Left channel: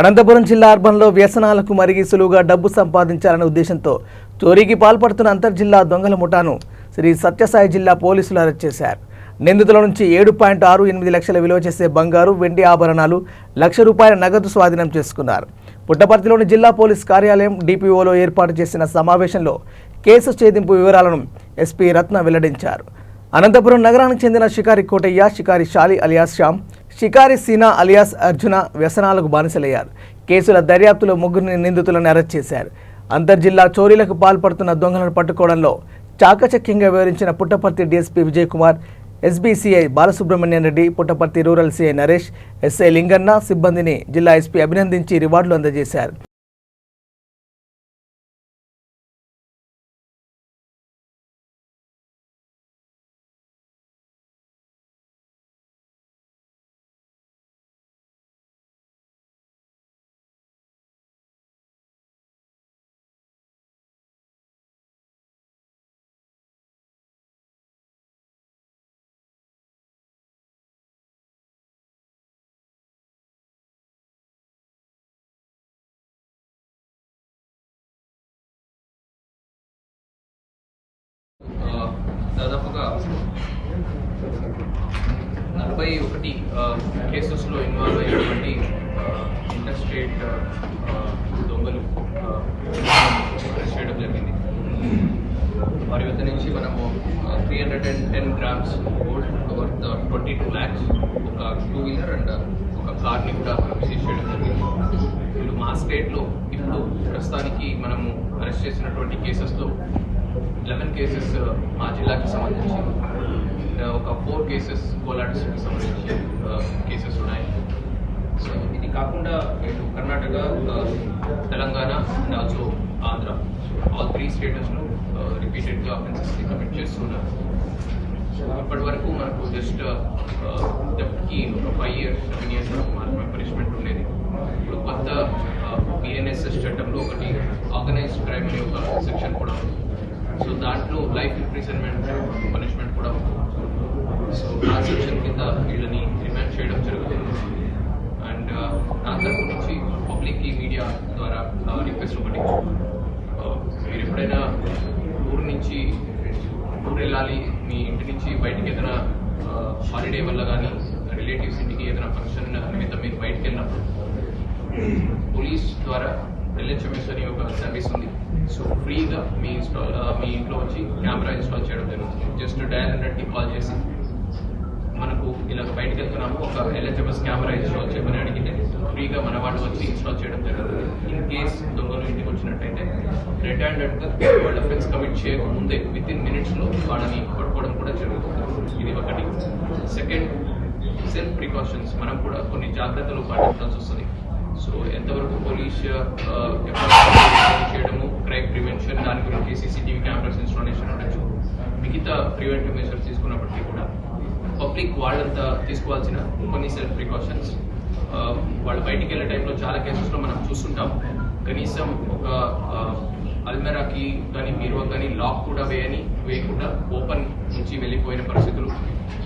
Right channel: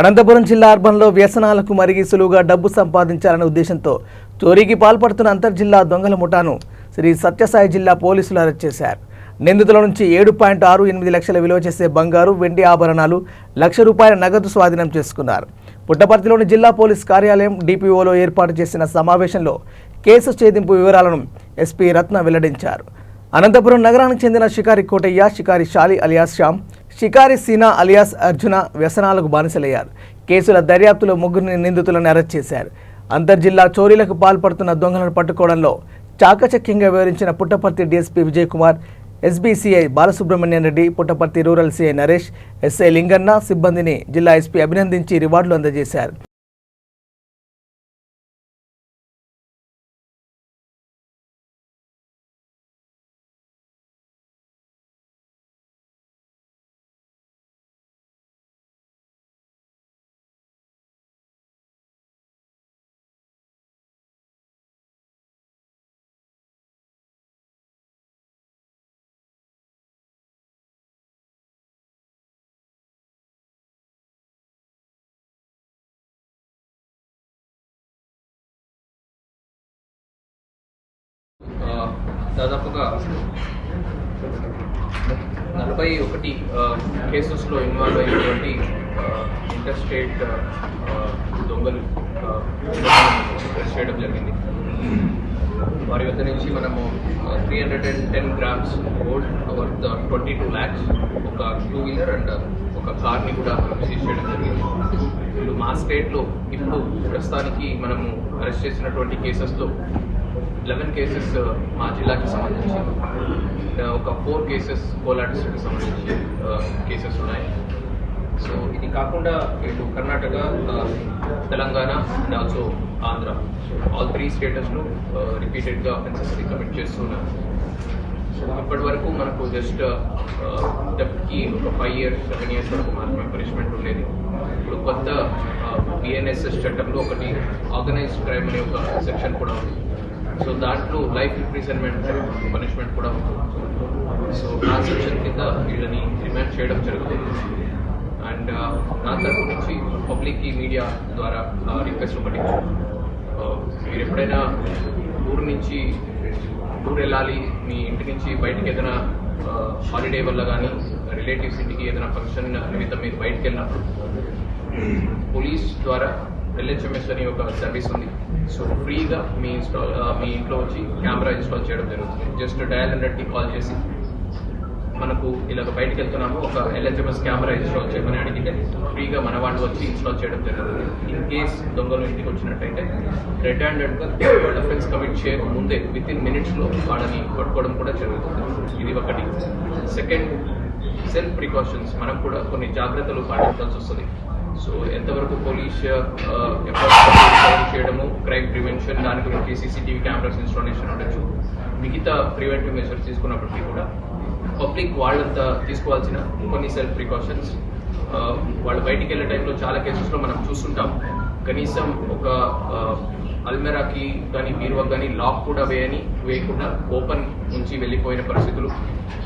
అనంతపురం జిల్లా అర్బన్లో వ్యసనాలకు మరిగి సులువుగా డబ్బు సంపాదించాలనే ఉద్దేశంతో చోరీకి పాల్పడుతున్న అంతర్జిల్లా దొంగల ముఠాను శ్రీ సత్యసాయి జిల్లా పోలీసులు అరెస్ట్ చేశారు. నిందితుల నుంచి 7.68 లక్షల విలువ చేసే బంగారు, వెండి ఆభరణాలు, ₹1,00,000 నగదు స్వాధీనం చేసుకున్నారు. పుట్టపర్తిలోని జిల్లా పోలీస్ కార్యాలయం డిపిఓలో ఏర్పాటు చేసిన సమావేశంలో కేసు ఛేదింపు వివరాలను ఎస్పీ రత్న వెల్లడించారు. అనంతపురం నగరానికి చెందిన షికారి కోటయ్య, షికారి షాలి అలియాస్ శ్యామ్, షికారి సీనా అలియాస్ అర్జున వ్యసనాలకు బానిసలయ్యారు. కేసుల దర్యాప్తులో 3 నిందితులను అరెస్ట్ చేశారు. అంతర్జిల్లా చోరీలకు పాల్పడుతున్న దొంగలను పట్టుకోవడంలో చాకచక్యంగా వివరించిన Puttaparthi DSP Vijay Kumar, ఎస్బీసీఐ Balasubrahmanyam Reddy, Puttaparthi rural CI Naresh, SI Linganna సిబ్బందిని జిల్లా ఎస్పీ అభినందించి రివార్డులు అందజేశారు. దాదాపుగా 41 కేసెస్లో ఇన్వాల్వ్ అయినటువంటి ఇంటర్ స్టేట్ దొంగలు అరెస్ట్ చేయడం జరిగింది. వారి వద్ద నుంచి మనము 310 grams గోల్డ్ వర్త్ 22 lakhs, ఒక 2-wheeler అండ్ ఒక కార్ని కూడా సీజ్ చేయడం జరిగింది. వీళ్ళు మా స్టేట్లో ఇప్పుడు ప్రస్తుతానికి మనము అరెస్ట్ చేసినటువంటి కేసెస్లో 11 కేసెస్ మా జిల్లాకి సంబంధించి, ఒక 4 కేసెస్ కోలా డిస్ట్రిక్ట్కి సంబంధించి కేసెస్ ఉన్నాయి. సో ఇది కాకుండా ఇటు Karnataka, Telangana and also Andhra, all 3 స్టేటస్లో రిపీటెడ్గా అఫెన్సెస్ని కమిట్ చేస్తున్నాం. సో ఇప్పటి వరకు మనకు జస్ట్ డెప్ట్కి ఒక 5 years 7 years వరకు మాత్రమే పనిష్మెంట్ ఉండేది. ఇప్పుడు కొత్త BNSS చట్టంలో ఒకటి ఆర్గనైజ్డ్ క్రైమ్ అనే ఒక సెక్షన్ కూడా ఉంది. సో దాంట్లో లైఫ్ ఇంప్రిజన్మెంట్ పనిష్మెంట్ కూడా ఉంటుంది. సో ఆ సెక్షన్ కింద వీళ్ళని రిమాండ్ చేయడం జరుగుతుంది. అండ్ నా తరపు నుంచి పబ్లిక్కి మీడియా ద్వారా రిక్వెస్ట్ ఒకటి, మీరు ఎప్పుడైనా ఊరు వెళ్ళాలి, మీ ఇంటి నుంచి బయటికి ఏదైనా హాలిడే వల్ల కానీ రిలేటివ్స్ ఇంటికి ఏదైనా ఫంక్షన్ నిమిత్తం మీరు బయటికి వెళ్ళినప్పుడు పోలీస్ ద్వారా LHMS అని ఒక సర్వీస్ ఉంది. సో ఫ్రీగా మీ ఇంట్లో వచ్చి కెమెరా ఇన్స్టాల్ చేయడం జరుగుతుంది. జస్ట్ డయల్ 100కి కాల్ చేసి మనకు ఇలాగ బయటకు వెళ్తున్నాము, ఒక LHMS కెమెరా ఇన్స్టాల్ చేయమని అడిగితే ఫ్రీగా మన వాళ్ళు వచ్చి ఇన్స్టాల్ చేయడం జరుగుతుంది. ఇన్ కేస్ దొంగలు ఇంటికి వచ్చినట్టయితే రెడ్ హ్యాండెడ్గా వాళ్ళ అఫెన్స్ కమిట్ చేయకముందే within minutesలో వాళ్ళని పట్టుకోవడం కూడా జరుగుతుంది. ఇది ఒకటి. సెకండ్, సెల్ఫ్ ప్రికాషన్స్, మనం కూడా కొన్ని జాగ్రత్తలు పాటించాల్సి వస్తుంది. సో ఎంతవరకు పోలీస్ చేయడము, క్రైమ్ ప్రివెన్షన్, దాని గురించి CCTV కెమెరాస్ ఇన్స్టాలేషన్ ఉండొచ్చు, మిగతా ప్రివెంటివ్ మెజర్స్ తీసుకున్నప్పటికీ కూడా పబ్లిక్ వాళ్ళంతా తీసుకోవాల్సిన కొన్ని సెల్ఫ్ ప్రికాషన్స్. వాళ్ళు బయటికి వెళ్ళే టైంలో చాలా కేసెస్లో మనం చూస్తుంటాం, కనీసం ఒక అల్మెరాకి కానీ బీరువాకి కానీ లాక్ కూడా వేయకుండా ఓపెన్ నుంచి వెళ్ళిపోయిన పరిస్థితులు,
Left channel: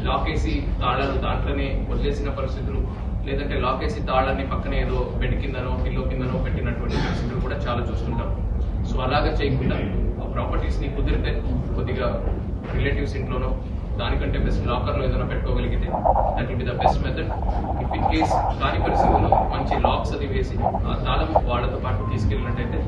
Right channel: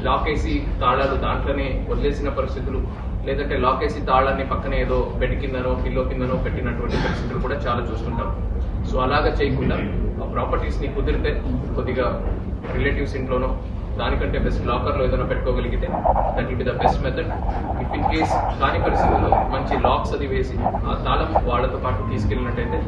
లాక్ వేసి తాళాలు దాంట్లోనే వదిలేసిన పరిస్థితులు, లేదంటే లాక్ వేసి తాళాన్ని పక్కనే ఏదో బెడ్ కిందనో పిల్లో కిందనో పెట్టినటువంటి పరిస్థితులు కూడా చాలా చూస్తుంటాం. సో అలాగా చేయకుండా ఆ ప్రాపర్టీస్ని కుదిరితే కొద్దిగా రిలేటివ్స్ ఇంట్లోనో, దానికంటే బెస్ట్ లాకర్లో ఏదైనా పెట్టుకోగలిగితే that will be the best method. If in case కాని పరిస్థితుల్లో మంచి లాక్స్ అది వేసి ఆ తాళం వాళ్ళతో పాటు తీసుకెళ్ళినట్టయితే